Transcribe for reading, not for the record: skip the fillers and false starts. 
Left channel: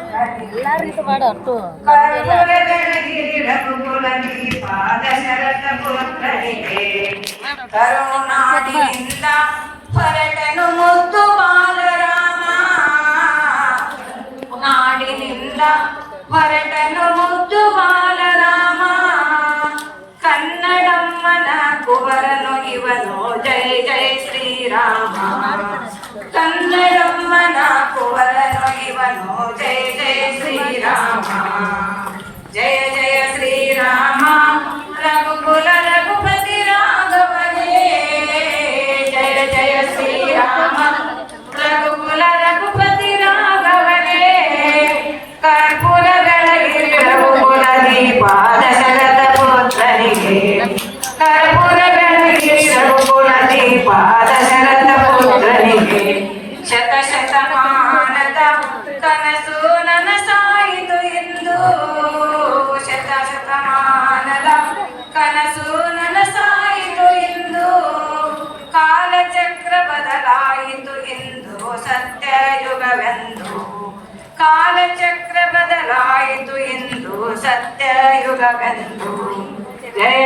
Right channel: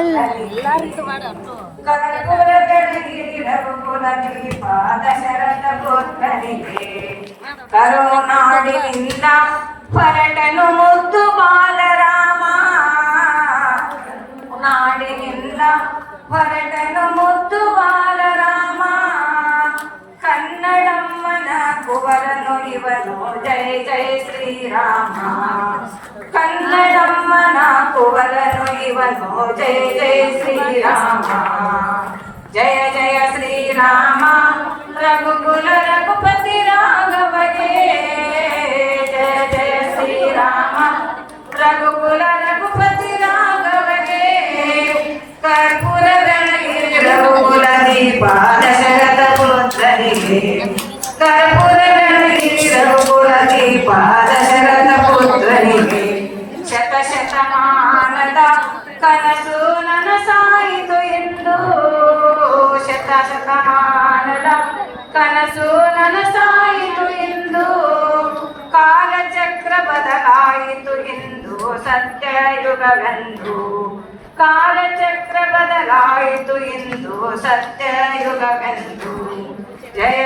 ಎಲ್ಲರಿಗೂ ಮಾಡ ಅಟ್ಟು ಕರುನಾಡಿನಿಂದ ಹೊರಟನು ಮುದ್ದು ಬಾಲರಾಮ ನಾಡಿನಿಂದ ಹೊರಟನು ಮುದ್ದು ಬಾಲರಾಮ ಕನ್ನಡಮ್ಮನ ಕುವರನು ಇವನು ಜಯ ಜಯ ಶ್ರೀರಾಮ ಕನ್ನಡಮ್ಮನ ಕುವರನು ಇವನು ಜಯ ಜಯ ಶ್ರೀರಾಮ ಜಯ ಜಯ ಶ್ರೀರಾಮ ರಘುಕುಲ ರಘುಪತಿ ರಾಘವನೇ ಜಯ ಜಯ ಶ್ರೀರಾಮ ರಘುಕುಲ ರಘುಪತಿ ರಾಘವನೇ ಕರ್ಪೂರ ರಘುಕುಲ ದೀಪ ದಶರಥ ಪುತ್ರನಿಗೆ ಕರ್ಪೂರ ರಘುಕುಲ ದೀಪ ದಶರಥ ಪುತ್ರನಿಗೆ ಶತಶತಮಾನದ ಕನಸು ನನಸಾಯಿತು ಎಂದು ಶತಶತಮಾನದ ಕನಸು ನನಸಾಯಿತು ಎಂದು ಕಾಲಚಕ್ರ ಬದಲಾಯಿತು ಎಂದು ಸತ್ಯಯುಗವೆಂದು ಕಾಲಚಕ್ರ ಬದಲಾಯಿತು ಎಂದು ಸತ್ಯಯುಗವೆಂದು ಜಯ